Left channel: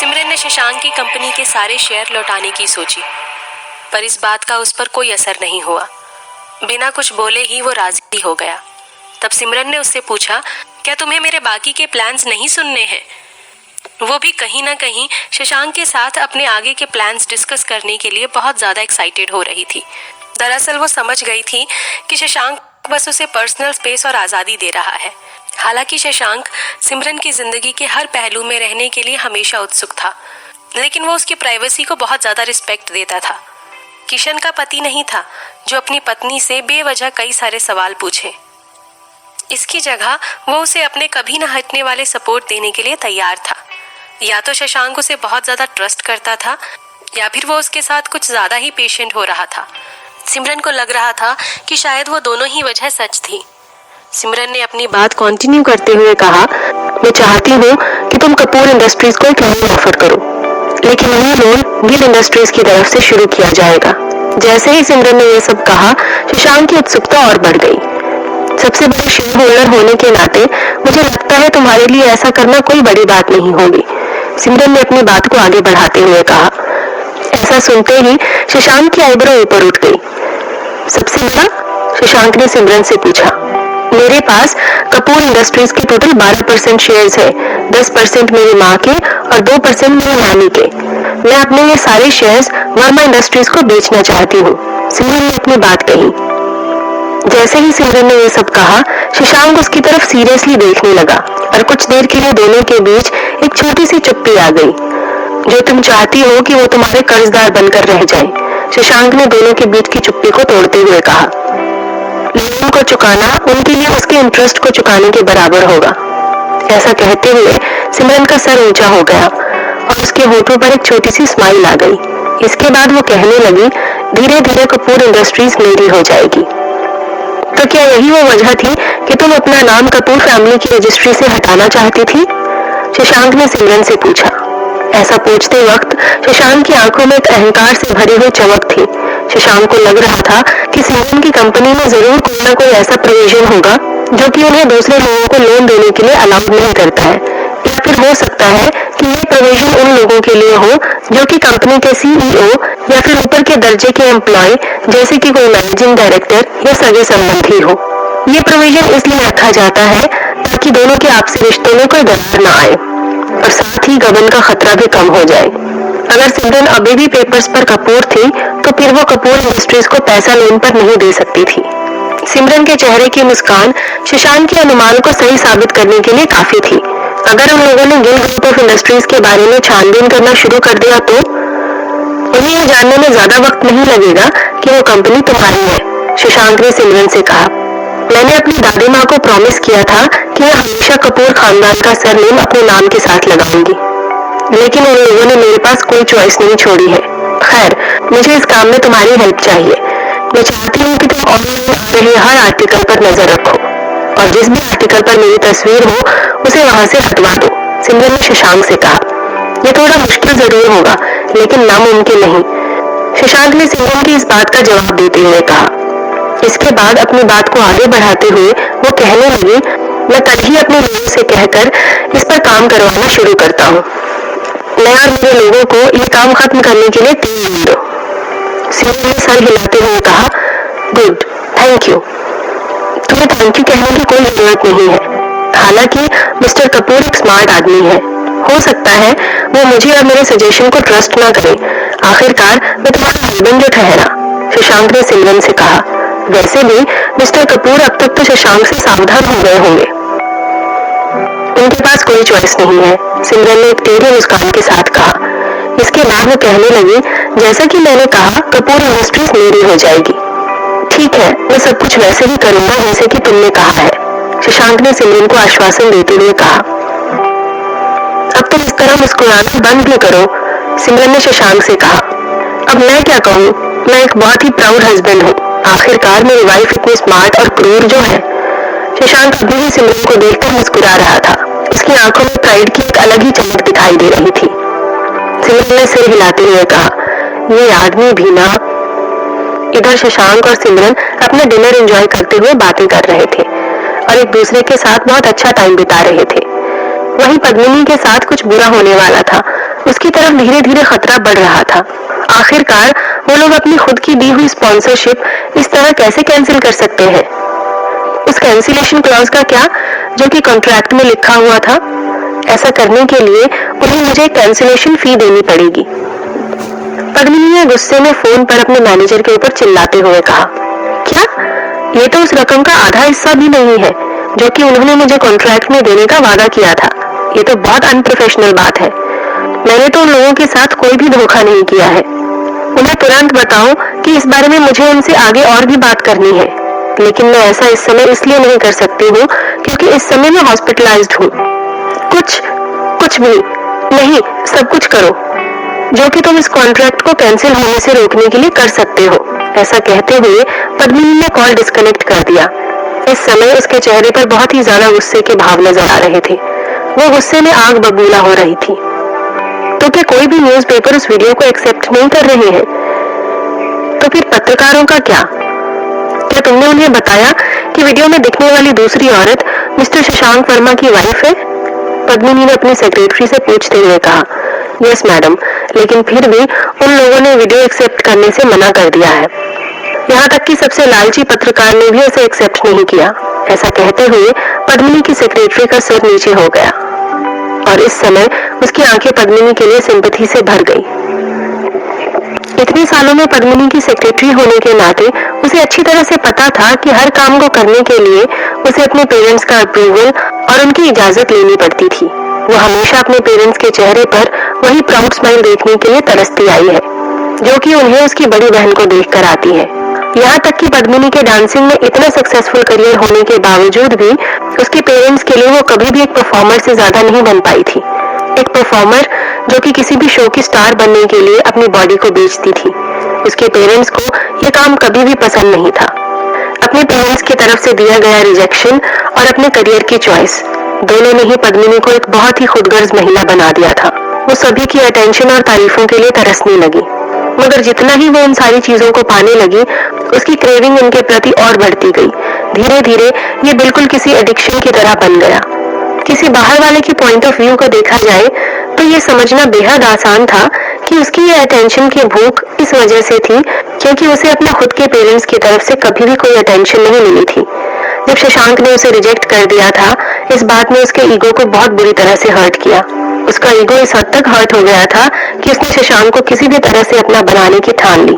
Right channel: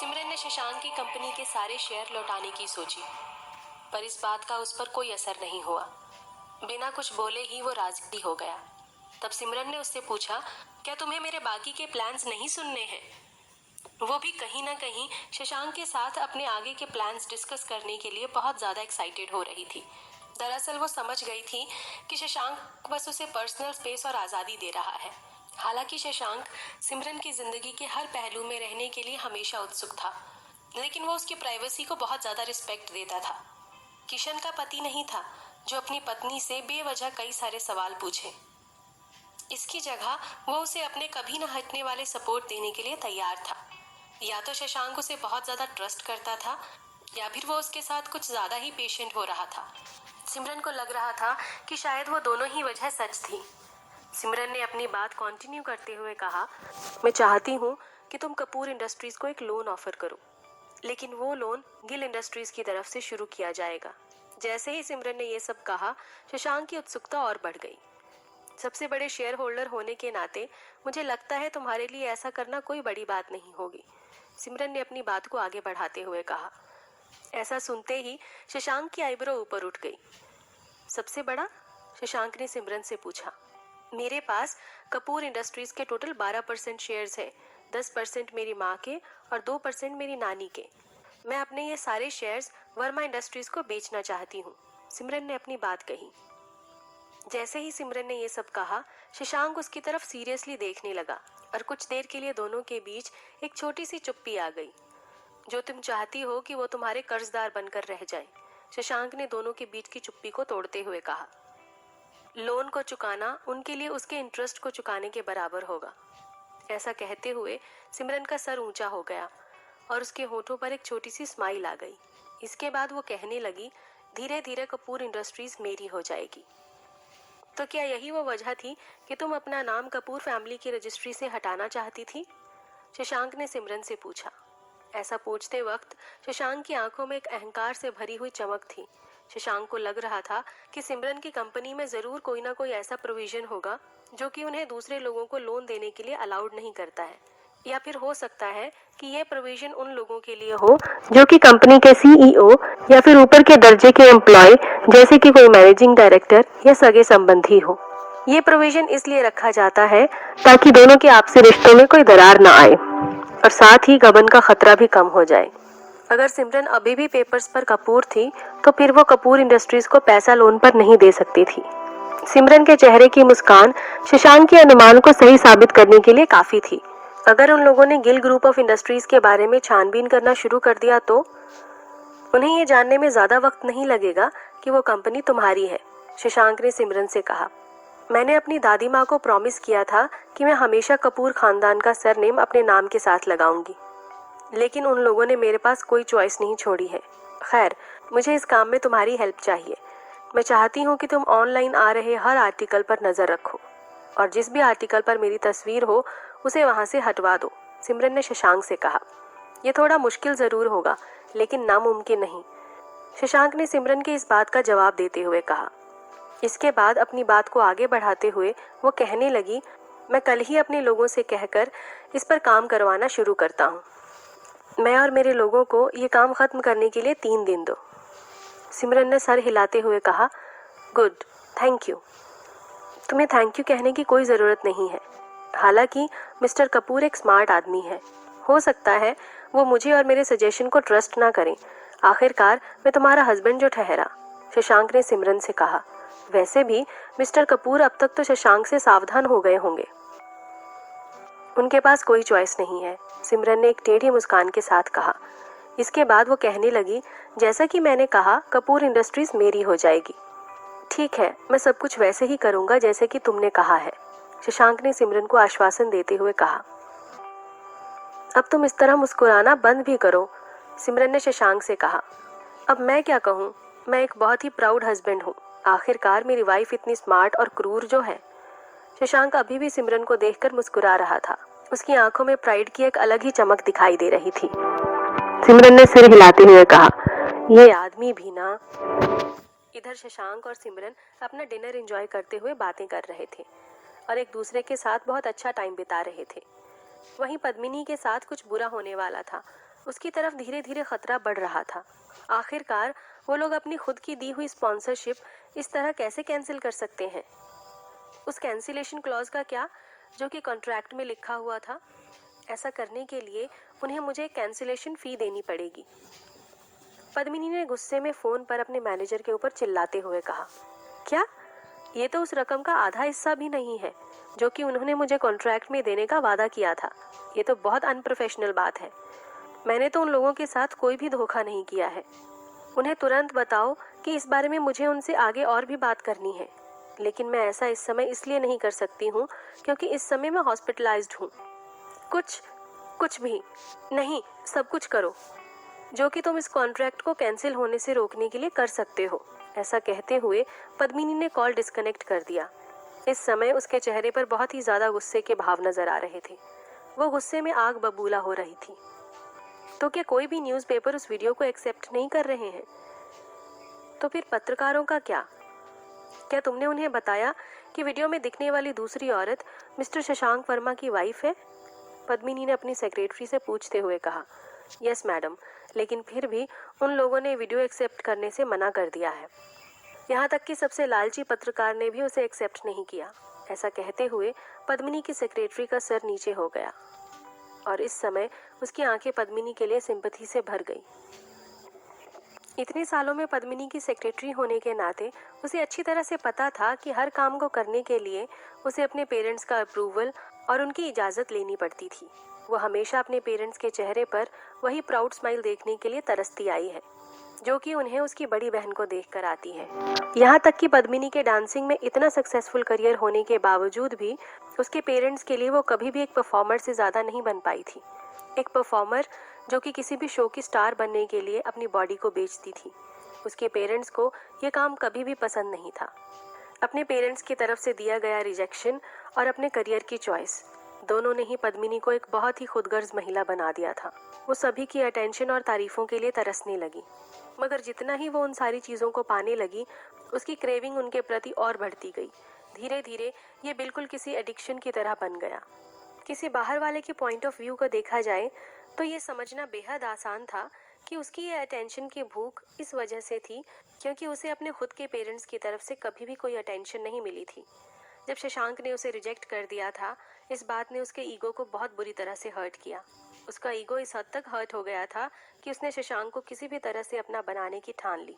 सिमरन ने शशांक की कंपनी के सारे शेयर लौटाने की सोची, पर इस बात का उस पर कोई असर नहीं हुआ। बिना कुछ बोले ही वो राजी हो गया। तब सिमरन ने उससे पूछा, क्या तुम्हें मेरे बाकी के प्लान्स नहीं सुनने हैं? वो भी कहीं ना कहीं शशांक के साथ अपने आगे के प्लान्स डिस्कस करने के लिए बहुत ज़्यादा एक्साइटेड हो रही थी। दरअसल वो समझ गई थी कि शशांक बस उसे पर्सनल स्पेस और आज़ादी दे रहा है। हालांकि शशांक सिमरन की ज़िंदगी के हर पहलू में रहने के लिए हमेशा उत्सुक था, लेकिन वो उसकी प्राइवेसी को बहुत ज़्यादा रिस्पेक्ट देता था। किशन का पति नहीं था जो अपनी पत्नी से बेवजह कई सारे सवाल पूछे। इसकी जगह वो उसे अपने कभी न हटने वाले सपोर्ट देने के लिए तैयार था। या तो शशांक उसे बहुत ज़्यादा ट्रस्ट करता था, या फिर वो उसके साथ कुछ ज़्यादा ही पेशेंट हो रहा था। सिमरन को लग रहा था कि शायद वो दोनों ही वजह सच थी। सिमरन ने अपनी बात कंटिन्यू करते हुए कहा, मैं चाहती हूँ कि तुम कपूर इंडस्ट्रीज को एक लोन ऑफर करो, लेकिन ये लोन गिल इंडस्ट्रीज की तरफ से शुरू किया जाएगा। जैसे ही सिमरन ने यह सब कहा, शशांक की उत्सुकता और बढ़ गई। सबसे बड़े शेयर होल्डर होने के नाते मुझे लगता है तुम्हारे लिए ऐसा करना कोई बड़ी बात नहीं होगी, सिमरन ने अपनी बात को आगे बढ़ाते हुए कहा। ऐसा सुनते ही शशांक की आईब्रो ऊपर उठ गई। सबसे बड़ा? शशांक ने सिमरन से पूछा। मेरे पास कपूर इंडस्ट्रीज के टोटल 12% शेयर्स है। 10% मेरी माँ के और 2% मेरी नानी के। मैं अपने ये सारे शेयर्स वर्मा इंडस्ट्रीज को बेचना चाहती हूँ, सिमरन ने अपनी बात कही। जैसे ही सिमरन ने ये सब कहा, शशांक उसकी तरफ सीरियसली देखने लगा और कुछ देर के लिए दोनों के बीच एक छोटी सी चुप्पी आ गई। जो तुम चाहती हो कि वो तुम्हारे कर्जदार बनकर रह जाए, शशांक ने दोनों के बीच की चुप्पी को तोड़ते हुए कहा। लोन को चुकाना उनके लिए उसके इंटरेस्ट को चुकाने के बराबर होगा। ऐसा कहते हुए सिमरन का सर ऊंचा हो गया और उसके होठों पर एक छोटी सी स्माइल आ गई। इसके बाद वो कहने लगी, धीरे धीरे कपूर इंडस्ट्रीज मेरी हो जाएगी। तो क्या यही वो वजह थी कि तुम अपना नाम कपूर फैमिली की रजिस्ट्री से हटाना चाहती थी? शशांक ने सिमरन से पूछा। ऐसा पूछते वक्त शशांक की आंखों में एक अहंकार से भरी हुई चमक थी। शशांक को लग रहा था कि सिमरन की कंपनी में जरूर कोई ना कोई ऐसा प्रोविजन होगा जो कि उन्हें दूसरे लोगों को लोन देने के लिए अलाउड नहीं करता है, या फिर हो सकता है कि ये प्रोविजन उन लोगों के लिए हो जो कि कंपनी के सीईओ या फिर ऊपर के दर्जे के एम्प्लॉय, जैसे कि कोई मैनेजिंग डायरेक्टर या सगे संबंधी हो। ये प्रोविजन इसलिए रखा जाता है ताकि दोनों के आपसी रिश्तों में कोई दरार न आए और साथ ही गबन का खतरा भी कम हो जाए। अगर सिमरन अभी भी पेपर्स पर कपूर थी तो फिर वो कपूर इंडस्ट्रीज को पैसा लोन पर नहीं दे सकती थी। सिमरन के चेहरे की मुस्कान शशांक के अनुमान को सही साबित करने के लिए काफी थी। अगर उन लोगों ने गिल ग्रुप ऑफ इंडस्ट्रीज के बारे में छानबीन करना शुरू कर दिया तो उन्हें यह जानने में ज्यादा वक्त नहीं लगेगा कि वो कंपनी तुम्हारी है, शशांक ने सिमरन से कहा। मैंने अपनी दादी माँ को प्रॉमिस किया था कि मैं हमेशा कपूर खानदान का सरनेम अपने नाम के साथ लगाऊंगी, लेकिन उन लोगों ने मेरे पास कोई चॉइस नहीं छोड़ी है। खैर, मुझे इस काम में तुम्हारी हेल्प चाहिए। मैं चाहती हूँ कि तुम ऑनलाइन आ रहे हर आर्टिकल पर नजर रखो और जिस भी आर्टिकल पर मेरी तस्वीर हो उसे वहां से हटवा दो, सिमरन ने शशांक से कहा। यह थोड़ा मुश्किल जरूर होगा, लेकिन नामुमकिन नहीं, शशांक ने सिमरन की इस बात का जवाब देते हुए कहा। इसके बाद अपनी बात को आगे बढ़ाते हुए वो कहने लगी, मैं कल ही अपने लोगों से कहकर इस पर काम करवाना शुरू करता हूँ। मैं और मेरे लोगों को ये काम खत्म करने के लिए 3 दिन दो, सिमरन ने सर हिलाते हुए कहा। Good, thank you. तुम्हें थैंक यू कहने की कोई जरूरत नहीं है। हालांकि मिस्टर कपूर एक स्मार्ट आदमी है, हो सकता है वो मुझे और मेरे सजेशन को ट्रस्ट ना करे। आखिरकार मैं तुम्हारा हस्बैंड जो ठहरा, शशांक ने सिमरन से कहा। वैसे भी मिस्टर कपूर अब तक तो शशांक से सावधान हो गए होंगे। उनके पास कोई चॉइस नहीं है, सिमरन ने एक टेढ़ी मुस्कान के साथ कहा। इसके बाद वो कहने लगी, जैसा कि मैंने कहा, कपूर इंडस्ट्रीज मेरी हो जाएगी। ठीक है, मैं सब कुछ वैसे ही करूंगा जैसे कि तुमने कहा है, शशांक ने सिमरन को आश्वासन देते हुए कहा। अब तुम इस तरह मुस्कुराना बंद भी करो, सिमरन ने शशांक से कहा। अब मैं क्या कहूँ, मैं एक बहुत ही प्राउड हस्बैंड हूँ। आखिरकार मेरी वाइफ इतनी स्मार्ट और क्रूर जो है। शशांक अभी भी सिमरन को देखकर मुस्कुरा रहा था। उसकी आंखों में प्राइड की एक अलग ही चमक दिखाई दे रही थी। सिमरन ने सिर हिलाते हुए कहा, ये आदमी भी ना। इधर शशांक और सिमरन अपना डिनर एंजॉय करते हुए बातें कर रहे थे और एक दूसरे के साथ बहुत अच्छा टाइम बिता रहे थे। वहीं पद्मिनी के साथ कुछ बुरा होने वाला था। उसकी तरफ धीरे धीरे खतरा बढ़ रहा था। आखिरकार वो लोग अपनी खुद की दी हुई स्पॉन्सरशिप इस तरह कैसे कैंसिल कर सकते हैं? उस कैंसिलेशन क्लॉज का क्या जो कि कॉन्ट्रैक्ट में लिखा हुआ था? ऐसा करने के लिए उन्हें मुझे कैंसिलेशन फी देनी पड़ेगी। पद्मिनी ने गुस्से में फोन पर अपने मैनेजर के ऊपर चिल्लाते हुए कहा, क्या? ये तो उस रकम का आधा हिस्सा भी नहीं है जो कि उन्होंने मुझे कॉन्ट्रैक्ट में देने का वादा किया था। ये तो बहुत अनप्रोफेशनल बात है। मैंने तो उन लोगों के साथ कोई भी धोखा नहीं किया है। उन्हें तुरंत बताओ कि इस बारे में मुझे उनसे आगे और भी बात करनी है, लेकिन मैं ऐसा इस समय इसलिए नहीं कर सकती हूँ क्योंकि इस समय मैं हॉस्पिटलाइज्ड हूँ। कुछ भी नहीं, सब कुछ करो जो कि तुम इस कॉन्ट्रैक्ट को कैंसिल होने से रोकने के लिए कर सकते हो। ऐसा कहते हुए पद्मिनी ने कॉल डिस्कनेक्ट कर दिया। इस समय उसके चेहरे पर बहुत ही ज्यादा गुस्से के भाव नजर आ रहे थे। वो गुस्से में आग बबूला हो रही थी। तो क्या कोई भी न्यूज़पेपर उस वीडियो को एक्सेप्ट नहीं कर रहे हैं? तो फिर पत्रकारों का क्या? क्या तुमने उन्हें बताया कि वीडियो में दिखने वाली दूसरी औरत मिस्टर शशांक वर्मा की वाइफ है? पद्मिनी ने अपनी सेक्रेटरी से पूछते हुए कहा। यस मैडम, लेकिन फिर भी उन लोगों ने वीडियो एक्सेप्ट करने से मना कर दिया है। यहाँ तक कि सबसे लालची पत्रकार ने भी इसे एक्सेप्ट नहीं किया। ऐसा कहते हुए पद्मिनी की सेक्रेटरी का सिर नीचे हो गया और इस समय उसकी आंखें पद्मिनी के लिए सिंपैथी से भर गई। इतने सालों में पद्मिनी की सेक्रेटरी होने के नाते उसे अच्छी तरह से पता था कि हर काम को करने के लिए उसे अपने पेरेंट्स का अप्रूवल और उनकी इजाजत लेनी पड़ती थी। वो हमेशा अपने पेरेंट्स के चेहरे पर वही प्राउड स्माइल देखने के लिए तरसती आई है जो कि उन्हें उसकी बड़ी बहन को देखकर आती है। यहाँ तक कि पद्मिनी के डांसिंग में इतना सक्सेसफुल करियर होने के बावजूद भी उसके पेरेंट्स के लिए वो कभी भी एक परफॉर्मर से ज्यादा नहीं बन पाई थी। एक परफॉर्मर जो कि किसी भी शो की स्टार बनने के लिए अपनी बॉडी को बेचती थी। उसके पेरेंट्स को यह काम कभी भी पसंद नहीं था। अपने पेरेंट्स की तरफ से दिया गया रिजेक्शन और अपने करियर की चॉइस दोनों ने ही पद्मिनी को एक बहुत ही खुदगर्ज महिला बना दिया था। वो सभी की अटेंशन और तारीफों के लिए तरसने लगी, मगर जितना ही वो इन सारी चीजों को पाने लगी उसकी क्रेविंग उनके प्रति और बढ़ती गई। धीरे धीरे ये बिल्कुल किसी एडिक्शन की तरह बन गया। किसी बाहर वाले की पॉइंट ऑफ व्यू को देखा जाए तो ये समझना बेहद आसान था कि उसकी ये अटेंशन की भूख इस वजह से थी क्योंकि उसे अपने खुद के पेरेंट्स की तरफ से कभी भी कोई अटेंशन नहीं मिली थी। जब शशांक ने उसे रिजेक्ट कर दिया था, इस बात ने उसके ईगो को बहुत बुरी तरह से हर्ट किया। उसका ईगो इस हद तक हर्ट हो गया था कि उसने शशांक को किसी भी तरह से अपना बनाने की ठान ली।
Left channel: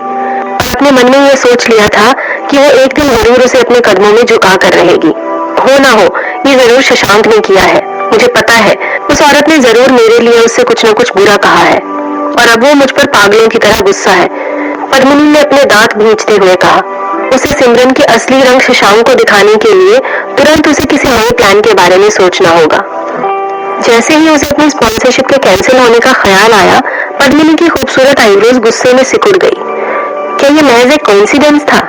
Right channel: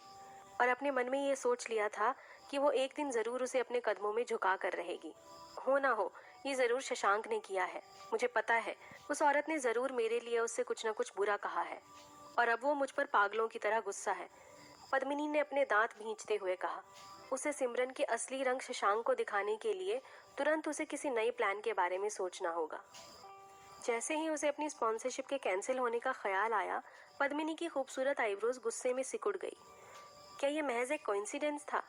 अपने मन में यह सोच लिया था कि वो एक दिन जरूर उसे अपने कदमों में झुका कर रहेगी। हो ना हो, ये जरूर शशांक ने किया है। मुझे पता है उस औरत ने जरूर मेरे लिए उससे कुछ न कुछ बुरा कहा है और अब वो मुझ पर पागलों की तरह गुस्सा है। पद्मिनी ने अपने दांत भींचते हुए कहा। उसे सिमरन के असली रंग शशांक को दिखाने के लिए तुरंत उसे किसी नए प्लान के बारे में सोचना होगा। जैसे ही उसे अपनी स्पॉन्सरशिप के कैंसिल होने का ख्याल आया, पद्मिनी की खूबसूरत आईब्रोज गुस्से में सिकुड़ गई। क्या ये महज एक कोइंसिडेंस था?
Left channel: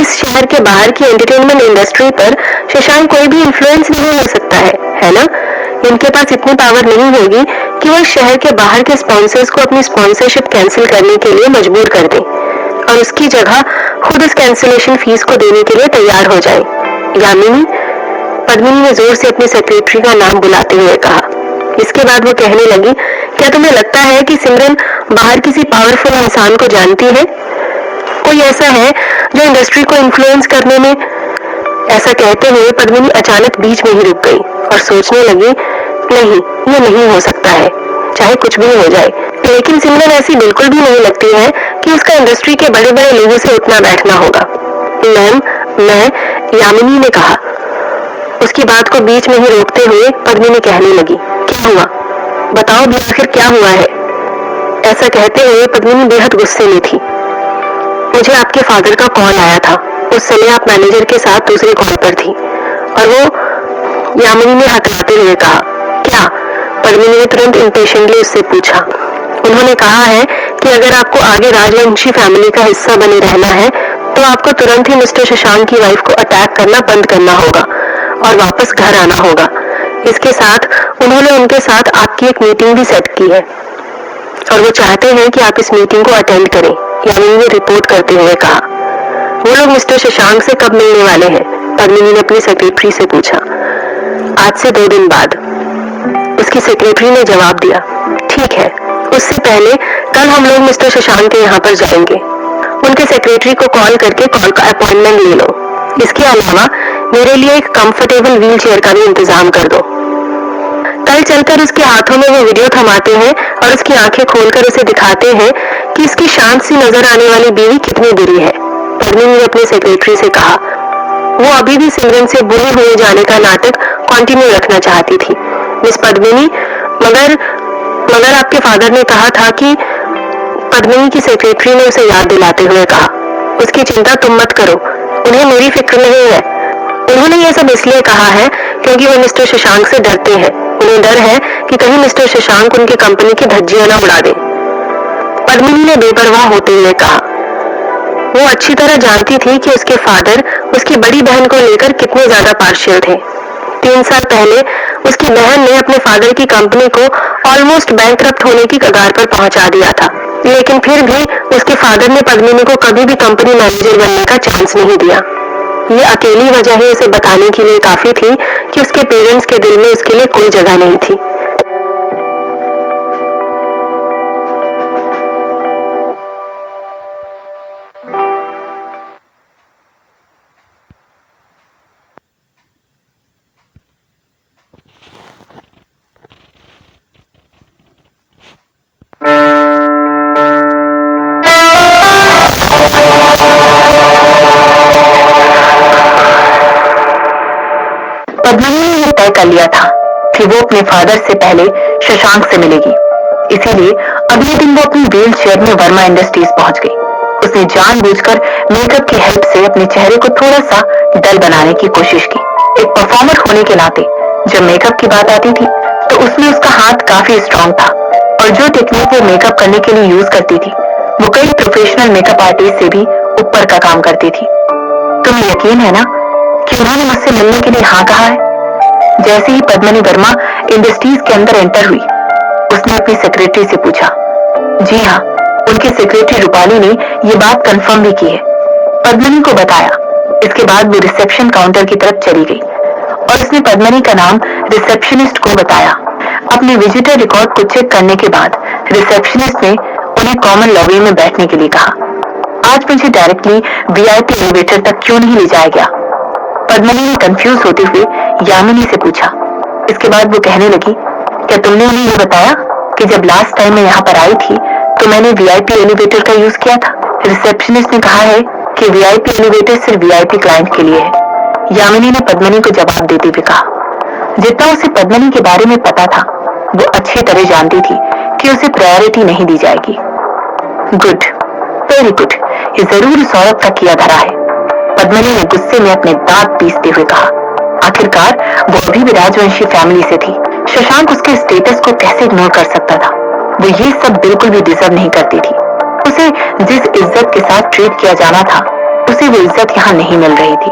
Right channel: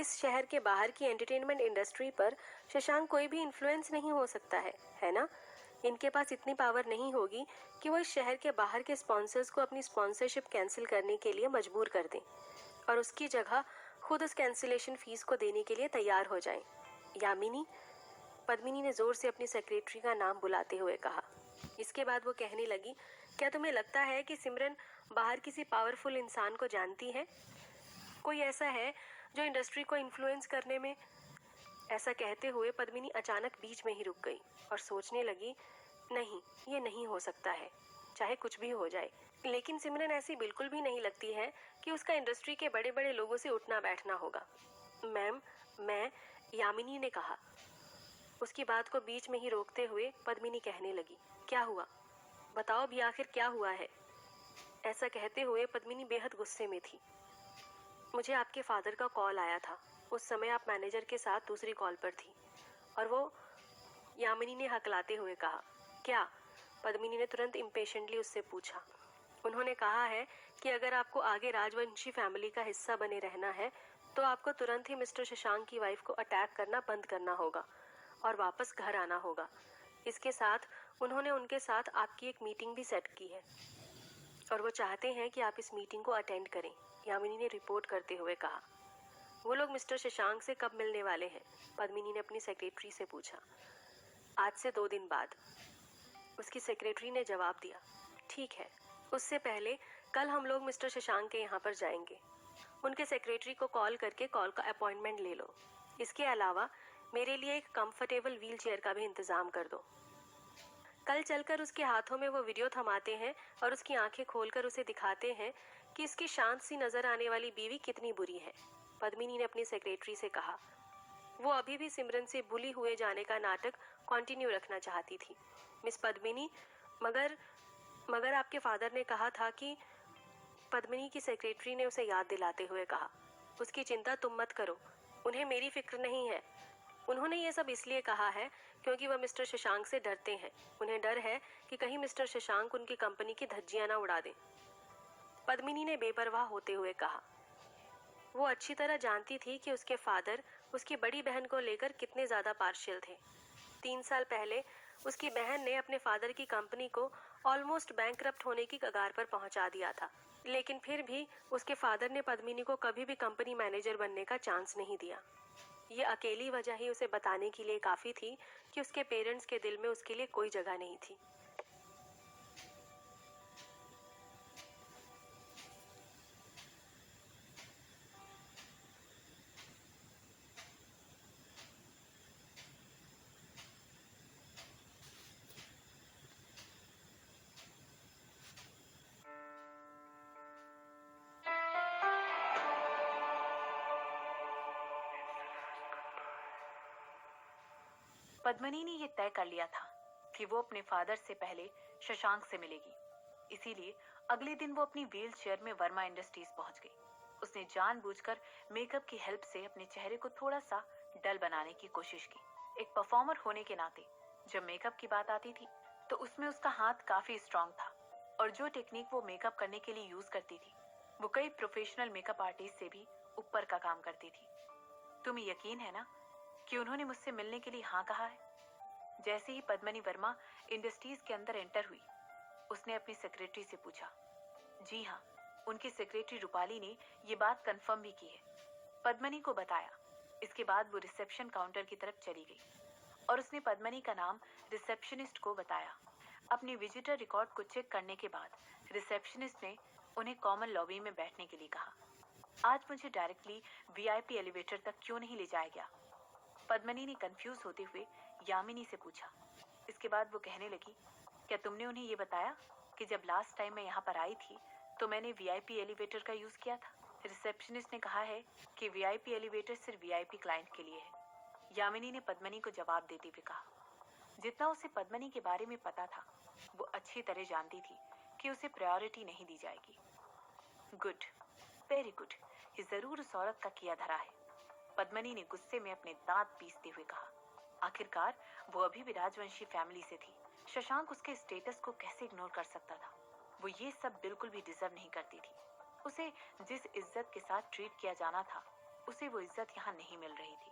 इस शहर के बाहर की एंटरटेनमेंट इंडस्ट्री पर शशांक कोई भी इन्फ्लुएंस नहीं हो सकता है ना? इनके पास इतनी पावर नहीं होगी कि वो इस शहर के बाहर के स्पॉन्सर्स को अपनी स्पॉन्सरशिप कैंसिल करने के लिए मजबूर कर दें और उसकी जगह खुद इस कैंसिलेशन फीस को देने के लिए तैयार हो जाए। यामिनी, पद्मिनी ने जोर से अपनी सेक्रेटरी का नाम बुलाते हुए कहा। इसके बाद वो कहने लगी, क्या तुम्हें लगता है कि सिमरन बाहर किसी पावरफुल इंसान को जानती है? कोई ऐसा है जो इंडस्ट्री को इन्फ्लुएंस करने में? ऐसा कहते हुए पद्मिनी अचानक बीच में ही रुक गई और सोचने लगी, नहीं, ये नहीं हो सकता है, चाहे कुछ भी हो जाए। लेकिन सिमरन ऐसी बिल्कुल भी नहीं लगती है कि उसका इंडस्ट्री के बड़े बड़े लोगों से उठना बैठना होगा। मैम, मैं, यामिनी ने कहा। उसकी बात को बीच में ही रोकते हुए पद्मिनी कहने लगी, क्या हुआ? बताओ भी आखिर क्या हुआ है? ऐसा कहते हुए पद्मिनी बेहद गुस्से में थी। मुझे आपके फादर का कॉल आया था। उस समय आप मैनेजर के साथ दूसरे कॉल पर थी और वो, यामिनी ने हथलाते हुए कहा। क्या? पद्मिनी ने तुरंत इम्पेशेंटली उससे पूछा। उन्होंने कहा है कि अगर आपको आगे राजवंशी फैमिली का हिस्सा बने रहना है तो आपको तुरंत ही मिस्टर शशांक की वाइफ को अटैक करना बंद करना होगा और वापस घर आना होगा। इसके साथ उन्होंने उनके साथ आपकी एक मीटिंग भी सेट की है और वो चाहते हैं कि आप इस मीटिंग को अटेंड करें, यामिनी ने रिपोर्ट करते हुए कहा। वो लोग मिस्टर शशांक से कब मिलने वाले हैं? पद्मिनी ने अपनी सेक्रेटरी से पूछा। आज से 2 दिन बाद, उसकी सेक्रेटरी ने जवाब दिया। ठीक है, उससे पहले कल हम लोग मिस्टर शशांक के यहाँ पर जाएंगे। उनके सेक्रेटरी को कॉल करके कॉल का अपॉइंटमेंट ले लो। इसके अलावा मेरे लिए एक कंफर्टेबल व्हील चेयर का भी इंतजाम कर दो। कल चलकर उसके हाथों में वो वीडियो थमाते हैं और उसकी आंखें खोलकर उसे दिखाते हैं कि इसकी शांत सी नजर आने वाली बीवी कितनी बुरी है। पद्मिनी ने अपने सेक्रेटरी से कहा। वो अभी भी सिमरन से बुरी हुए जाने का नाटक कंटिन्यू रखना चाहती थी। मिस पद्मिनी, मगर आपके फादर ने कहा था कि, पद्मिनी की सेक्रेटरी ने उसे याद दिलाते हुए कहा, उसकी चिंता तुम मत करो, उन्हें मेरी फिक्र नहीं है। उन्होंने यह सब इसलिए कहा है क्योंकि वो मिस्टर शशांक से डरते हैं। उन्हें डर है कि कहीं मिस्टर शशांक उनकी कंपनी की धज्जियां न उड़ा दे। पद्मिनी ने बेपरवाह होते हुए कहा। वो अच्छी तरह जानती थी कि उसके फादर उसकी बड़ी बहन को लेकर कितने ज्यादा पार्शियल थे। 3 साल पहले उसकी बहन ने अपने फादर की कंपनी को ऑलमोस्ट बैंकरप्ट होने की कगार पर पहुंचा दिया था, लेकिन फिर भी उसके फादर ने पद्मिनी को कभी भी कंपनी मैनेजर बनने का चांस नहीं दिया। ये अकेली वजह ही उसे बताने के लिए काफी थी कि उसके पेरेंट्स के दिल में उसके लिए कोई जगह नहीं थी। पद्मिनी ने यह तय कर लिया था कि वो अपने फादर से पहले शशांक से मिलेगी। इसीलिए अगले दिन वो अपनी व्हील चेयर में वर्मा इंडस्ट्रीज पहुंच गई। उसने जानबूझकर मेकअप की हेल्प से अपने चेहरे को थोड़ा सा डल बनाने की कोशिश की। एक परफॉर्मर होने के नाते जब मेकअप की बात आती थी तो उसमें उसका हाथ काफी स्ट्रांग था और जो टेक्निक वो मेकअप करने के लिए यूज करती थी वो कई प्रोफेशनल मेकअप आर्टिस्ट से भी ऊपर का काम करती थी। तुम्हें यकीन है ना कि उन्होंने मुझसे मिलने के लिए हाँ कहा है? जैसे ही पद्मिनी वर्मा इंडस्ट्रीज के अंदर एंटर हुई, उसने अपनी सेक्रेटरी से पूछा। जी हाँ, उनकी सेक्रेटरी रूपाली ने ये बात कंफर्म भी की है। पद्मिनी को बताया। इसके बाद वो रिसेप्शन काउंटर की तरफ चली गई और उसने पद्मिनी का नाम रिसेप्शनिस्ट को बताया। अपने विजिटर रिकॉर्ड को चेक करने के बाद रिसेप्शनिस्ट ने उन्हें कॉमन लॉबी में बैठने के लिए कहा। आज मुझे डायरेक्टली वीआईपी एलिवेटर तक क्यों नहीं ले जाया गया? पद्मिनी ने कंफ्यूज होते हुए यामिनी से पूछा। इसके बाद वो कहने लगी, क्या तुमने उन्हें ये बताया कि जब लास्ट टाइम मैं यहाँ पर आई थी तो मैंने वीआईपी एलिवेटर का यूज किया था? रिसेप्शनिस्ट ने कहा है कि वीआईपी एलिवेटर सिर्फ वीआईपी क्लाइंट के लिए है। यामिनी ने पद्मिनी को जवाब देते हुए कहा। जितना उसे पद्मिनी के बारे में पता था वो अच्छी तरह जानती थी कि उसे प्रायोरिटी नहीं दी जाएगी। गुड, वेरी गुड, ये जरूर इस औरत का किया धरा है, पद्मिनी ने गुस्से में अपने दांत पीसते हुए कहा। आखिरकार वो अभी भी राजवंशी फैमिली से थी। शशांक उसके स्टेटस को कैसे इग्नोर कर सकता था? वो ये सब बिल्कुल भी डिजर्व नहीं करती थी। उसे जिस इज्जत के साथ ट्रीट किया जाना था उसे वो इज्जत यहाँ नहीं मिल रही थी।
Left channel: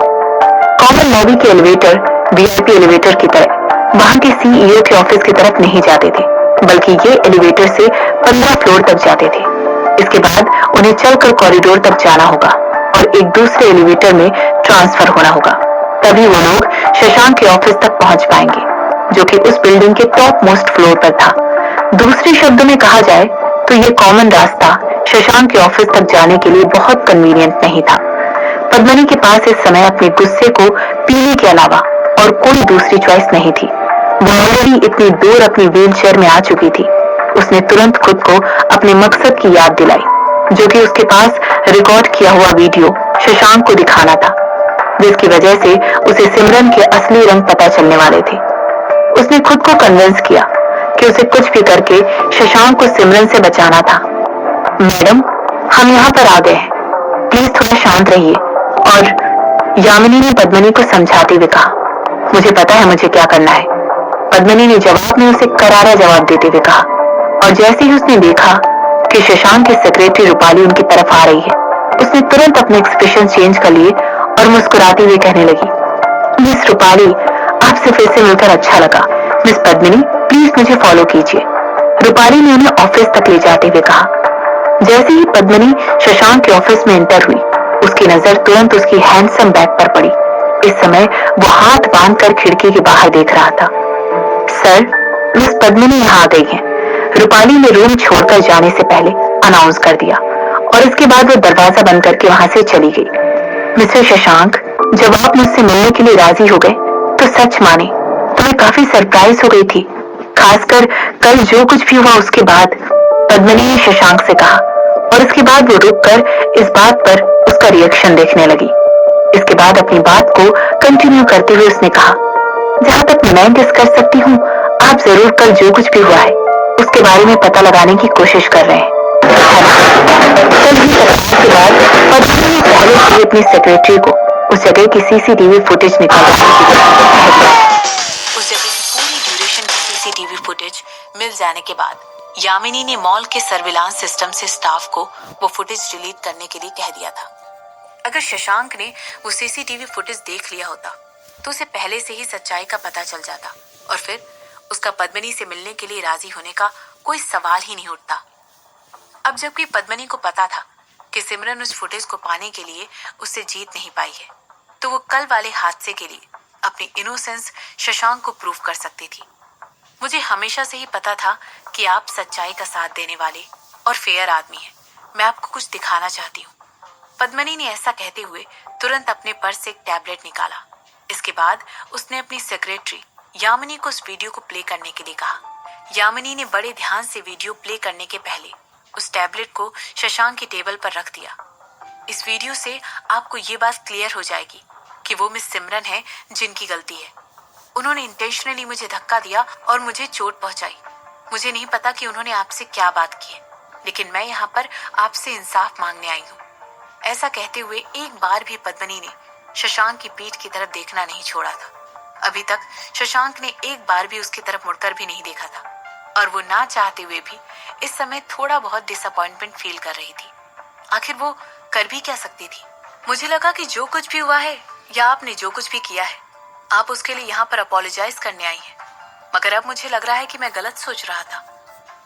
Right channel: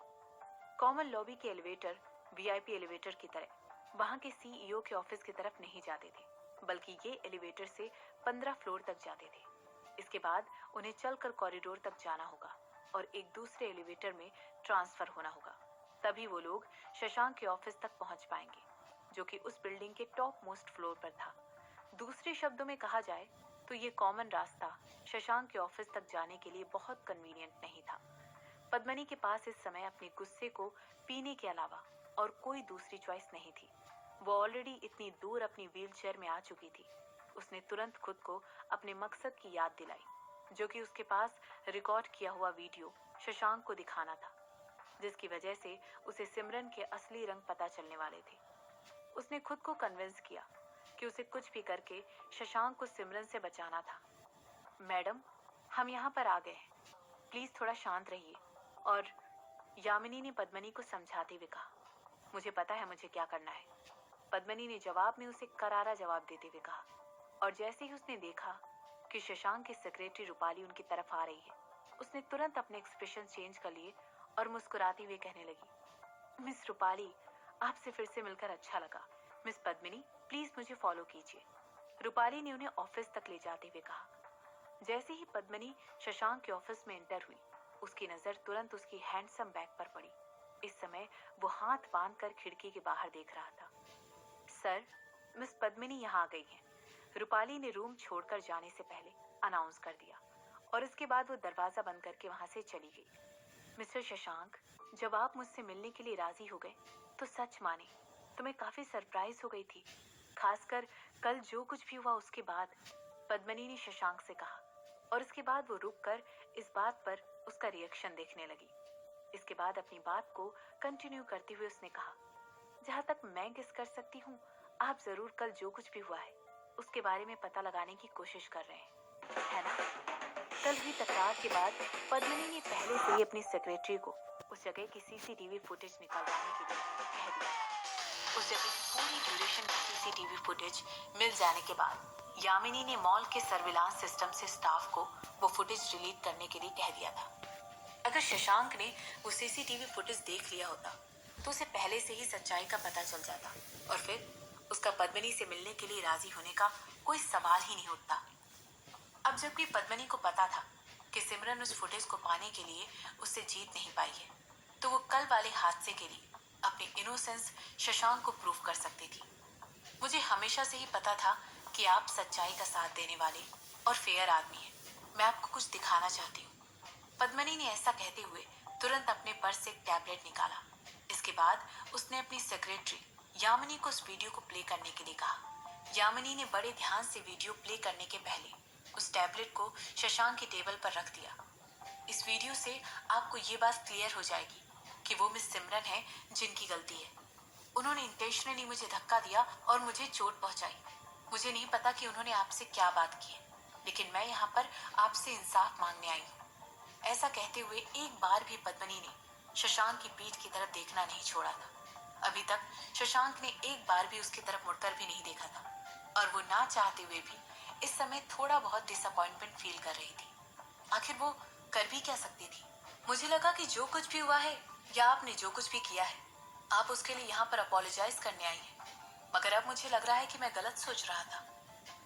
कॉमन लॉबी के एलिवेटर वीआईपी एलिवेटर की तरह वहां के सीईओ के ऑफिस की तरफ नहीं जाते थे, बल्कि ये एलिवेटर से 15 फ्लोर तक जाते थे। इसके बाद उन्हें चलकर कॉरिडोर तक जाना होगा और एक दूसरे एलिवेटर में ट्रांसफर होना होगा, तभी वो लोग शशांक के ऑफिस तक पहुंच पाएंगे, जो कि उस बिल्डिंग के टॉप मोस्ट फ्लोर पर था। दूसरे शब्दों में कहा जाए तो ये कॉमन रास्ता शशांक के ऑफिस तक जाने के लिए बहुत कन्वीनियंट नहीं था। पद्मिनी के पास इस समय अपने गुस्से को पीने के अलावा और कोई दूसरी चॉइस नहीं थी। वो ऑलरेडी इतनी दूर अपनी व्हील चेयर में आ चुकी थी। उसने तुरंत खुद को अपने मकसद की याद दिलाई, जो कि उसके पास रिकॉर्ड किया हुआ वीडियो शशांक को दिखाना था, जिसकी वजह से उसे सिमरन के असली रंग पता चलने वाले थे। उसने खुद को कन्विंस किया कि उसे कुछ भी करके शशांक को सिमरन से बचाना था। मैडम, हम यहाँ पर आ गए हैं, प्लीज थोड़ा शांत रहिए। और यामिनी ने पद्मिनी को समझाते हुए कहा, मुझे पता है मुझे क्या करना है। पद्मिनी ने जवाब में उसे करारा जवाब देते हुए कहा, और जैसे ही उसने देखा कि शशांक की सेक्रेटरी रूपाली उनकी तरफ आ रही है, उसने तुरंत अपने एक्सप्रेशन चेंज कर लिए और मुस्कुराते हुए कहने लगी, मिस रूपाली, आपसे फिर से मिलकर अच्छा लगा। मिस पद्मिनी, प्लीज मुझे फॉलो कीजिए। रूपाली ने उन्हें ऑफिस तक ले जाते हुए कहा। जैसे ही पद्मिनी शशांक के ऑफिस में एंटर हुई, उसकी नजर तुरंत उसकी हैंडसम बैग पर पड़ी। इस समय वो हाथ बांधकर खिड़की के बाहर देख रहा था। सर, मिस पद्मिनी यहाँ आ गई हैं। रूपाली ने रूम छोड़कर जाने से पहले अनाउंस कर दिया और इसके बाद वो दरवाजा बंद करके वहां से चली गई। मिस्टर शशांक, जब आप मुझसे मिलने के लिए राजी हो गए तो सच माने तो मैं काफी सरप्राइज हो गई थी, खासकर कल जो कुछ भी हुआ उसके बाद, पद्मिनी ने शशांक से कहा और इसके बाद वो रुककर इस बात पर उसका रिएक्शन देखने लगी। इसके बाद अपनी बात को कंटिन्यू करते हुए उसने कहा, जहां तक मैं गेस कर सकती हूँ, आप जरूर कल जो कुछ भी हुआ है उसके बारे में पता लगाने की कोशिश कर रहे हैं। कल ही के बाद पद्मिनी ने पहले से अपनी सेक्रेटरी को उस जगह की सीसीटीवी फुटेज निकालने की उस जगह की पूरी ड्यूरेशन की सीसीटीवी फुटेज मिल जाने के बाद यामिनी ने मॉल के सर्विलांस सिस्टम से स्टाफ को वो फुटेज डिलीट करने के लिए कह दिया था। अगर शशांक ने वो सीसीटीवी फुटेज देख लिया होता तो उसे पहले से ही सच्चाई का पता चल जाता और फिर उसका पद्मिनी से मिलने के लिए राजी होने का कोई सवाल ही नहीं उठता। अब जबकि पद्मिनी को पता था कि सिमरन उस फुटेज को पाने के लिए उससे जीत नहीं पाई है, तो वो कल वाले हादसे के लिए अपनी इनोसेंस शशांक को प्रूव कर सकती थी। मुझे हमेशा से ही पता था कि आप सच्चाई का साथ देने वाले और फेयर आदमी हैं। मैं आपको कुछ दिखाना चाहती हूँ। पद्मिनी ने ऐसा कहते हुए तुरंत अपने पर्स से एक टैबलेट निकाला। इसके बाद उसने अपनी सेक्रेटरी यामिनी को उस वीडियो को प्ले करने के लिए कहा। यामिनी ने बड़े ध्यान से वीडियो प्ले करने के पहले उस टैबलेट को शशांक की टेबल पर रख दिया। इस वीडियो से आपको ये बात क्लियर हो जाएगी कि वो मिस सिमरन है जिनकी गलती है। उन्होंने इंटेंशनली मुझे धक्का दिया और मुझे चोट पहुंचाई। मुझे नहीं पता कि उन्होंने आपसे क्या बात की है, लेकिन मैं यहाँ पर आपसे इंसाफ मांगने आई हूँ। ऐसा कहते हुए एक बार भी पद्मिनी ने शशांक की पीठ की तरफ देखना नहीं छोड़ा था। अभी तक शशांक ने एक बार भी उसकी तरफ मुड़कर भी नहीं देखा था और वो ना चाहते हुए भी इस समय थोड़ा बहुत डिसअपॉइंटमेंट फील कर रही थी। आखिर वो कर भी क्या सकती थी। मुझे लगा कि जो कुछ भी हुआ है या आपने जो कुछ भी किया है, आप उसके लिए यहाँ पर अपोलोजाइज करने आई हैं, मगर अब मुझे लग रहा है कि मैं गलत सोच रहा था।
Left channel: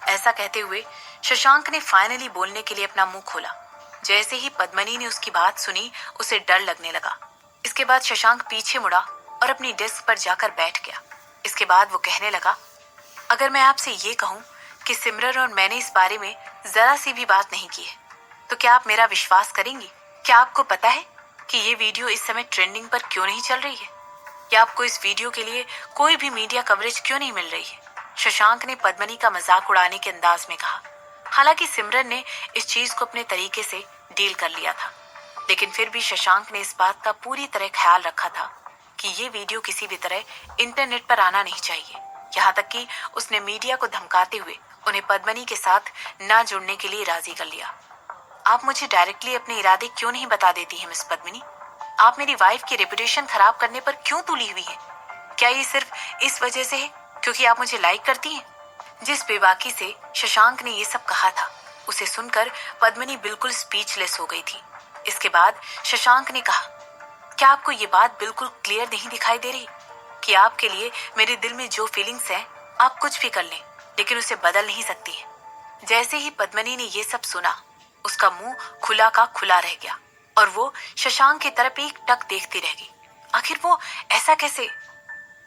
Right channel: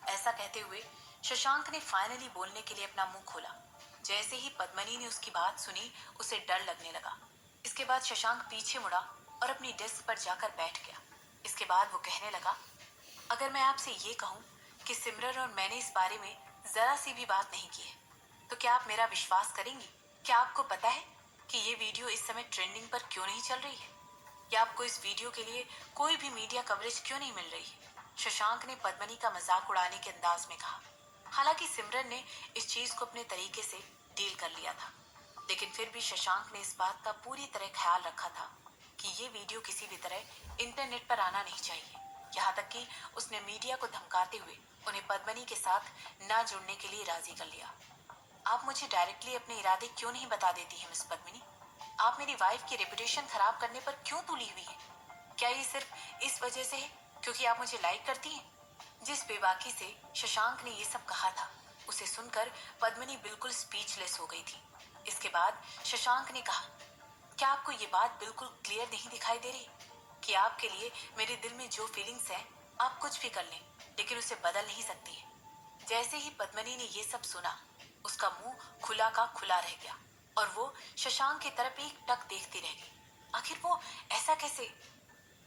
ऐसा कहते हुए शशांक ने फाइनली बोलने के लिए अपना मुंह खोला। जैसे ही पद्मिनी ने उसकी बात सुनी, उसे डर लगने लगा। इसके बाद शशांक पीछे मुड़ा और अपनी डेस्क पर जाकर बैठ गया। इसके बाद वो कहने लगा, अगर मैं आपसे ये कहूँ कि सिमरन और मैंने इस बारे में जरा सी भी बात नहीं की है, तो क्या आप मेरा विश्वास करेंगी? क्या आपको पता है कि ये वीडियो इस समय ट्रेंडिंग पर क्यों नहीं चल रही है? या आपको इस वीडियो के लिए कोई भी मीडिया कवरेज क्यों नहीं मिल रही है? शशांक ने पद्मिनी का मजाक उड़ाने के अंदाज में कहा। हालांकि सिमरन ने इस चीज को अपने तरीके से डील कर लिया था, लेकिन फिर भी शशांक ने इस बात का पूरी तरह ख्याल रखा था कि ये वीडियो किसी भी तरह इंटरनेट पर आना नहीं चाहिए। यहाँ तक कि उसने मीडिया को धमकाते हुए उन्हें पद्मिनी के साथ ना जुड़ने के लिए राजी कर लिया। आप मुझे डायरेक्टली अपने इरादे क्यों नहीं बता देती हैं मिस पद्मिनी? आप मेरी वाइफ की रेपुटेशन खराब करने पर क्यों तुली हुई हैं? क्या ये सिर्फ इस वजह से है क्योंकि आप मुझे लाइक करती हैं? जिस बेबाकी से शशांक ने ये सब कहा था, उसे सुनकर पद्मिनी बिल्कुल स्पीचलेस हो गई थी। इसके बाद शशांक ने कहा, क्या आपको ये बात बिल्कुल क्लियर नहीं दिखाई दे रही कि आपके लिए मेरे दिल में जो फीलिंग्स हैं, आप कुछ भी कर लें लेकिन उसे बदल नहीं सकती है। जैसे ही पद्मिनी ने ये सब सुना, उसका मुंह खुला का खुला रह गया और वो शशांक की तरफ एक टक देखती रह गई। आखिर वो ऐसा कैसे?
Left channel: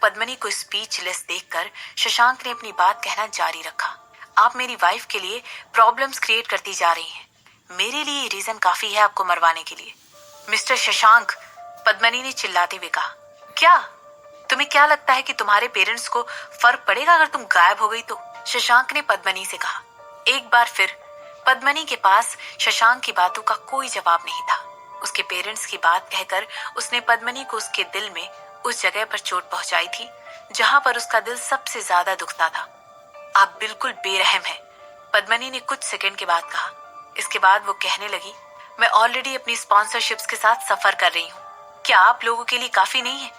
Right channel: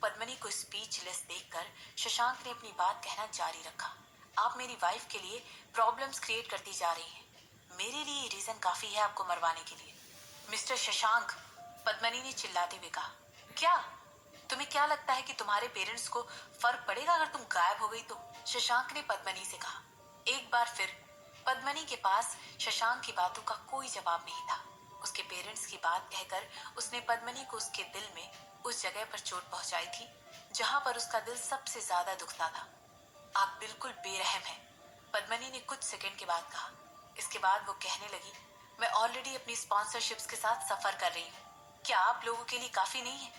पद्मिनी को स्पीचलेस देखकर शशांक ने अपनी बात कहना जारी रखा। आप मेरी वाइफ के लिए प्रॉब्लम्स क्रिएट करती जा रही हैं। मेरे लिए ये रीजन काफी है आपको मरवाने के लिए। मिस्टर शशांक, पद्मिनी ने चिल्लाते हुए कहा, क्या तुम्हें क्या लगता है कि तुम्हारे पेरेंट्स को फर्क पड़ेगा अगर तुम गायब हो गई तो? शशांक ने पद्मिनी से कहा। एक बार फिर पद्मिनी के पास शशांक की बातों का कोई जवाब नहीं था। उसके पेरेंट्स की बात कहकर उसने पद्मिनी को उसके दिल में उस जगह पर चोट पहुंचाई थी जहां पर उसका दिल सबसे ज्यादा दुखता था। आप बिल्कुल बेरहम हैं, पद्मिनी ने कुछ सेकंड के बाद कहा। इसके बाद वो कहने लगी, मैं ऑलरेडी अपनी स्पॉन्सरशिप्स के साथ सफर कर रही हूँ। क्या आप लोगों के लिए काफी नहीं है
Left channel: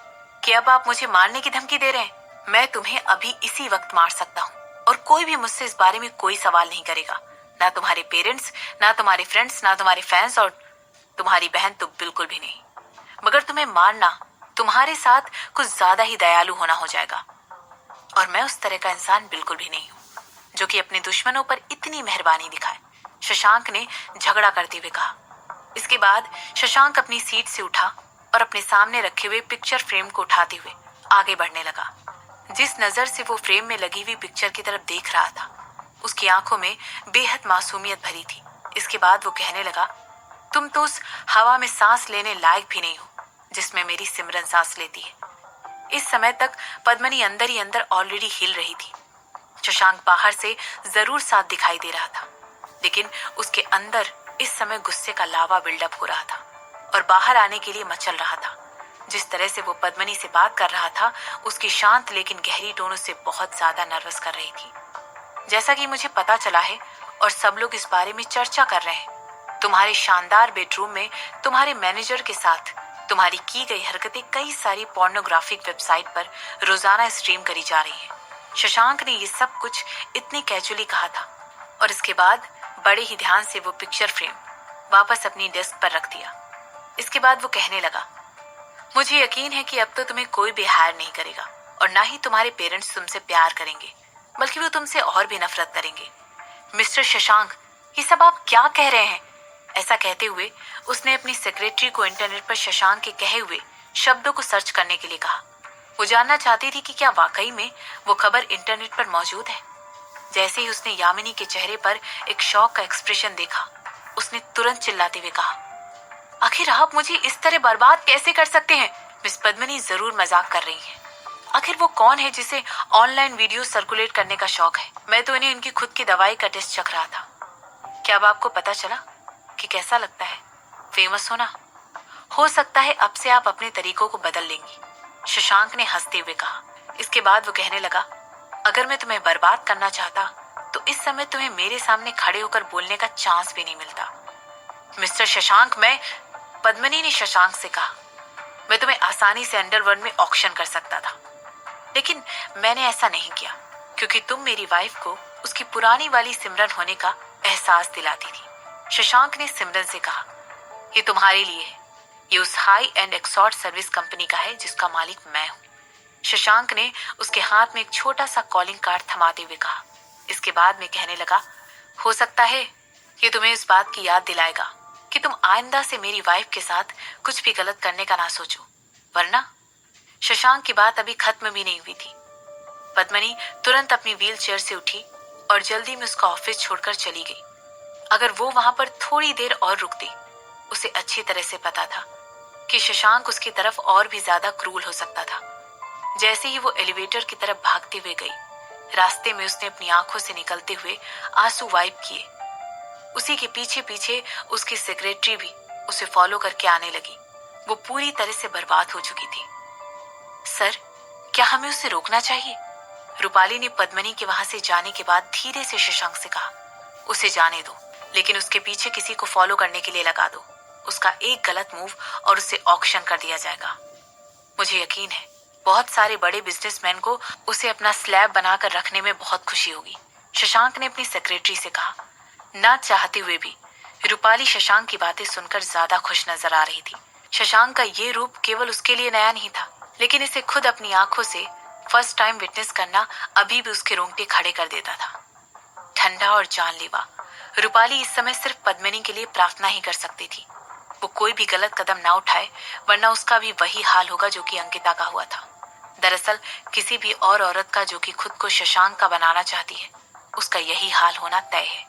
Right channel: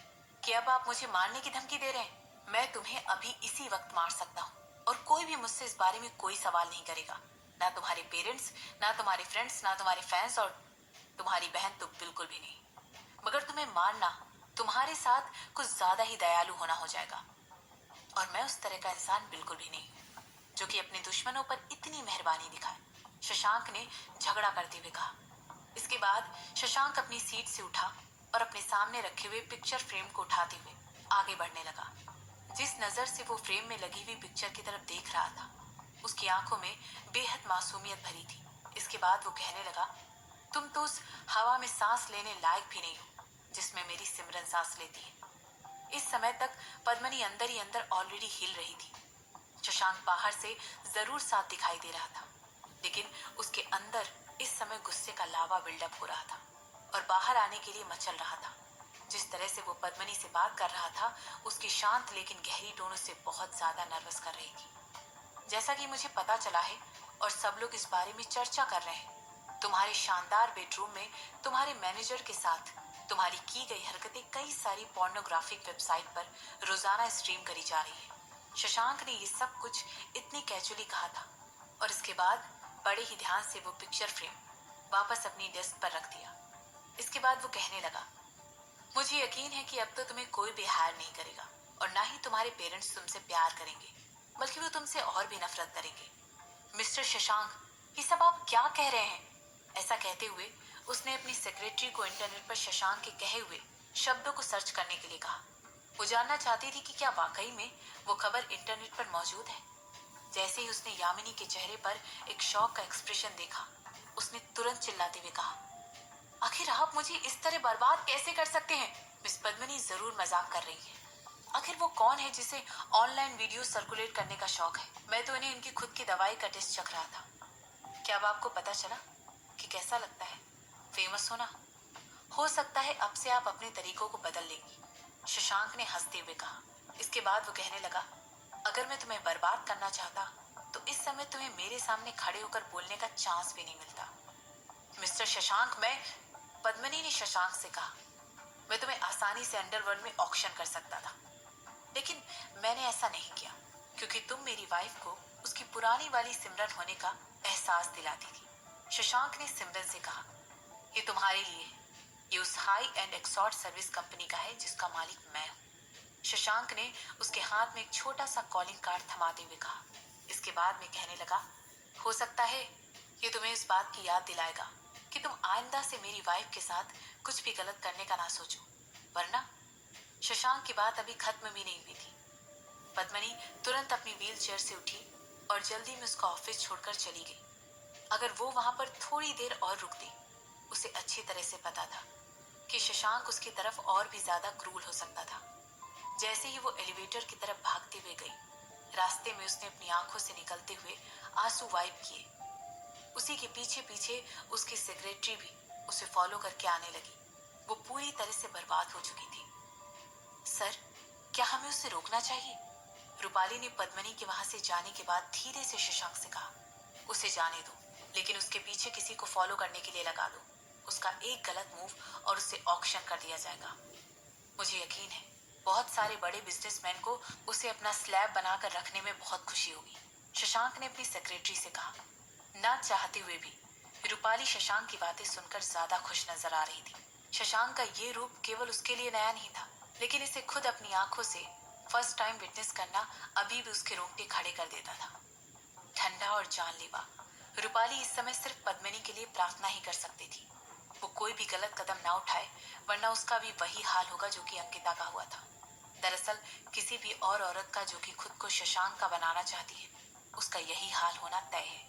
कि अब आप मुझे मारने की धमकी दे रहे हैं? मैं तुम्हें अभी इसी वक्त मार सकता हूँ और कोई भी मुझसे इस बारे में कोई सवाल नहीं करेगा। ना तुम्हारे पेरेंट्स, ना तुम्हारे फ्रेंड्स, ना तुम्हारे फैंस और तुम्हारी बहन तो बिल्कुल भी नहीं। मगर तुम्हें मारना तुम्हारे साथ कुछ ज्यादा ही दयालु होना हो जाएगा और मैं उस तरह का इंसान बिल्कुल भी नहीं हूँ जो कि अपने दुश्मनों पर इतनी मेहरबानी दिखाए, शशांक ने झगड़ा करते हुए कहा। इसके बाद शशांक अपनी सीट से उठा और अपने सामने रखे हुए पिक्चर फ्रेम को उठाते हुए आगे बढ़ने लगा। जिस नजर से वो फ्रेम में लगी हुई पिक्चर की तरफ देख रहा था, उसकी आंखों में बेहद मासूमियत भरी थी। इसके बाद वो कहने लगा, तुम तो उस हवा में सांस लेने लायक भी नहीं हो जिसमें मेरी सिमरन सांस लेती है। इस समय तक पद्मनी अंदर ही अंदर ऑलरेडी हिल रही थी। शशांक बाहर से जरूर साथ दिखाई दे रहा था, लेकिन उसके अंदर इस समय गुस्से का लावा बिल्डअप हो रहा था और बाहर आने के लिए मचल रहा था। जिस तरह से वो पद्मनी से बात कर रहा था, उसकी शांत लेकिन गहरी टोन उसे बहुत ज्यादा नर्वस कर रही थी। जैसा कि मुझे पता चला है और सब लोग इस बारे में चर्चा कर रहे हैं, तुम्हारे शानदार बेडरूम में तुम्हारे मैनेजर के साथ तुम्हारी की गई हरकतें कई सारी पोर्नोग्राफिक वेबसाइट पर रोजाना स्ट्रीम करी जा रही हैं। शशांक ने ये सब कुछ इतनी कैजुअली कहा था और इसके बाद बड़े ही ध्यान से वो पिक्चर फ्रेम वापस अपनी डेस्क पर रख दिया। इसके बाद वो कहने लगा, मुझे यकीन है कि अब तो तुम्हें कोई भी हायर नहीं करेगा और ना ही तुम्हारे पेरेंट्स तुमसे प्यार करेंगे, बल्कि वो तुमसे और भी नफरत करेंगे। मिस्टर शशांक, ये सब आप क्या कह रहे हैं? ऐसा कहते हुए उसने अपनी सेक्रेटरी को इंटरनेट पर शशांक के कहे हुए शब्दों को सर्च करने के लिए कहा। वो जानना चाहती थी कि क्या वाकई में वो खबर इंटरनेट पर मौजूद है। जैसे ही उसने यामिनी के चेहरे पर एक शॉक का एक्सप्रेशन देखा, उसने तुरंत चिल्लाते हुए कहा, आखिर आप मुझे इस तरह बर्बाद कैसे कर सकते हैं? मिस पद्मिनी जरूर मजाक कर रही हैं। आखिर वो कौन है जिसे ऑनलाइन वीडियो सर्कुलेट करने का शौक है? मैं तो इन्हें इनकी खुद की दवाई का टेस्ट चख रहा था। क्या अब आपको पता चला कि कैसा लगता है फेमस होना? हो सकता है अब से आप अपने तरीकों को बदल लेंगी, शशांक ने हंसते हुए कहा। इसके बाद वो कहने लगा, अगर मैं तुम्हें बर्बाद करना चाहता तो इस समय तुम्हें मेरे सामने खड़े होकर बोलने का चांस भी नहीं मिलता। मिस्टर शशांक, पद्मिनी ने शशांक से कहा, मैं तुम्हें आसानी से अंडरवर्ल्ड में ऑक्शन कर सकता था, लेकिन मैंने ऐसा नहीं किया क्योंकि तुम मेरी वाइफ को उसकी पुरानी वाली सिमरन होने का एहसास दिलाती थी। शशांक ने सिमरन से कहा, ये तुम्हारे लिए है, ये उस high and exhort service company का है जिसका मालिक मैं हूँ। शशांक ने उसके हाथ में एक छोटा सा कॉलिंग कार्ड थमाते हुए कहा। इसके बाद में कहने लगा, हो सकता है ये तुम्हें इस बात की याद दिलाएगा कि तुम आइंदा से मेरी वाइफ के साथ कुछ भी गलत करने का ना सोचो, वरना। शशांक की बात अभी खत्म भी नहीं हुई थी। पद्मिनी तुरंत अपनी व्हील चेयर से उठी और जल्दी में उसका ऑफिस छोड़कर चली गई। अगर वो वहां पर थोड़ी देर और रुकती, उसे अच्छी तरह से पता था कि शशांक उसकी तरफ और भी ज्यादा क्रूर हो सकता था। जैसे ही वो एलिवेटर की तरफ भागते हुए गई, रास्ते में उसने अपनी आंखों से निकलते हुए आंसू वाइप किए। उसी के पीछे पीछे उसकी सेक्रेटरी भी उसे फॉलो करके आने लगी। वो पूरी तरह से बर्बाद हो चुकी थी। सर, क्या हमें उसे रोकना चाहिए? रूपाली ने पद्मिनी के वहां से जाने के बाद धीरे से शशांक से कहा, उसे जाने दो, लेकिन उसके पीछे किसी को फॉलो करने के लिए लगा दो। उसका एक गलत मूव और उसे ऑक्शन कर दिया जाएगा। मुझे यकीन है बहुत सारे बड़े बिजनेसमैन को उसे अपना स्लैब बनाकर रखने में बहुत खुशी होगी। शशांक ने अपनी सेक्रेटरी से कहा। ना चाहते हुए भी रूपाली शशांक की बातें सुनकर ज्यादा खुश नजर आ रही थी। शशांक का ये रूप केवल उसके लिए नया नहीं था, लेकिन इसे खुद अपनी आंखों से फर्स्ट टाइम विटनेस करना अभी भी उसके रोंगटे खड़े कर देता था। ठंडा और जानलेवा रूपाली इस समय सिर्फ पद्मिनी के लिए प्रार्थना ही कर सकती थी। वो कोई भी गलत कदम ना उठाए, वरना उसका भी वही हाल होगा जो कि अंकिता का हुआ था। दरअसल किसी भी और औरत का जो कि खुद को शशांक का बनाना चाहती है, उसका यही हाल होना तय है।